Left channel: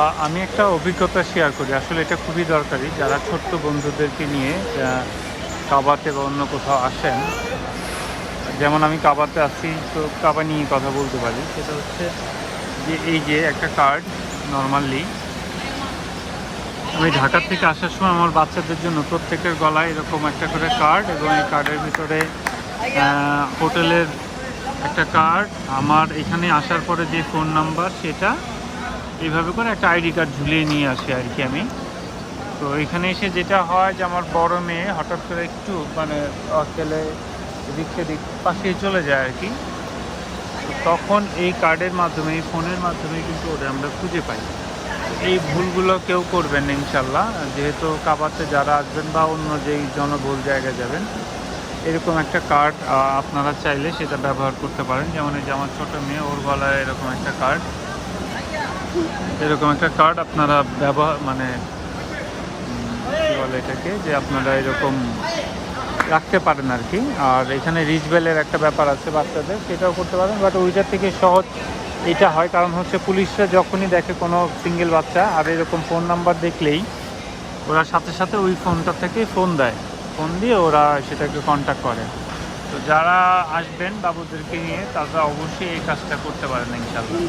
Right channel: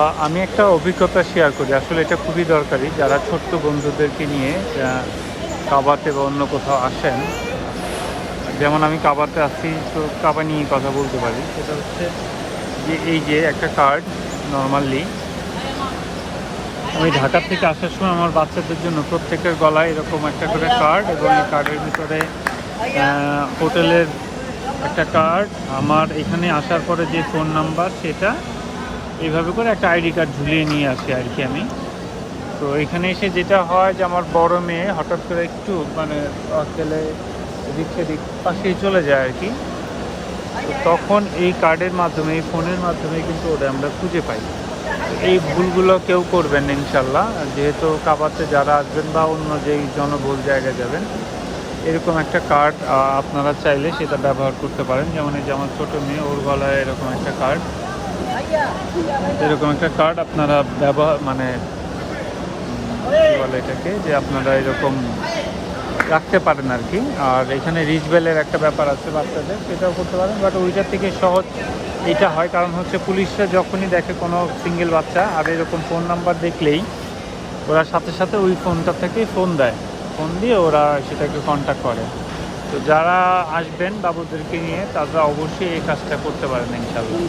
আমি একটা অভিজ্ঞতা শেয়ার করি। আসলে এটা খুবই দরকারি যারা ছোট্ট বন্ধুদেরকে নিয়ে কাবাতে বা অন্য কোথাও আসেন। যেমন আমি কাবাতে আসছি, তো কাবা নিয়ে কথা বলতে পারি। সেটা হচ্ছে যে এই যে একটা কার্ড, নর্মালি আমি ঢাকা থেকে আসার সময় আমার বাচ্চাদের জন্য প্রত্যেকের গলায় এরকম একটা করে কার্ড, এবং এই কার্ডের ভিতরে হোটেলের একটা কার্ড, আমার এখানে আসার পরে যে ফোন নাম্বার, সেটা এইভাবে করে একটা আইডি কার্ড ঝুলিয়ে নিয়ে আসি আর কি আমি। তো এখানে এসে যেটা হয় যে আমার বড় মেয়ে হঠাৎ করে একটু মানে অকেলে এদিক সেদিক পাশেই চলে যায় আর কি। তখন এই কার্ডের মাধ্যমে, এই ফোনের মাধ্যমে কিন্তু ওটা আমরা খুঁজে পাই। এই ভুলগুলো কেউ করবেন না ইনশাল্লাহ। যেহেতু কাবাতে যারা আসবেন বা অন্য যেই জনবহুল জায়গায় যাবেন, এরকম একটা কার্ড আপনারা চাইলে সেটা ব্যবহার করতে পারেন। যেমন এই যে আমার ছোটো মেয়ে, ওর গলায় এরকম একটা কার্ড, এরকম একটা কার্ড আপনারা ব্যবহার মানে কী বলে এটাকে, যে আপনারা এরকম রাখতে পারেন আর কি। আর এখানে রিচবেলের একটা ব্যাপার আছে বাচ্চাদের, সেটাও করতে পারেন। বাট ওইটার থেকে সহজ এটা হয়, কারণ হচ্ছে পুলিশরা যখনই দেখে কোনো সিঙ্গেল বাচ্চা আর এরকম ফোন নাম্বার দেখলেই ওরা সাথে সাথে ওই ফোনটা থেকেই ফোন দেয়, ফোন দিয়ে ওরা সেটাকে কন্ট্যাক্ট করে। তো যারা আসবেন বাবুদেরকে নিয়ে, তারা অবশ্যই এই কাজটা করতে পারেন ইনশাআল্লাহ।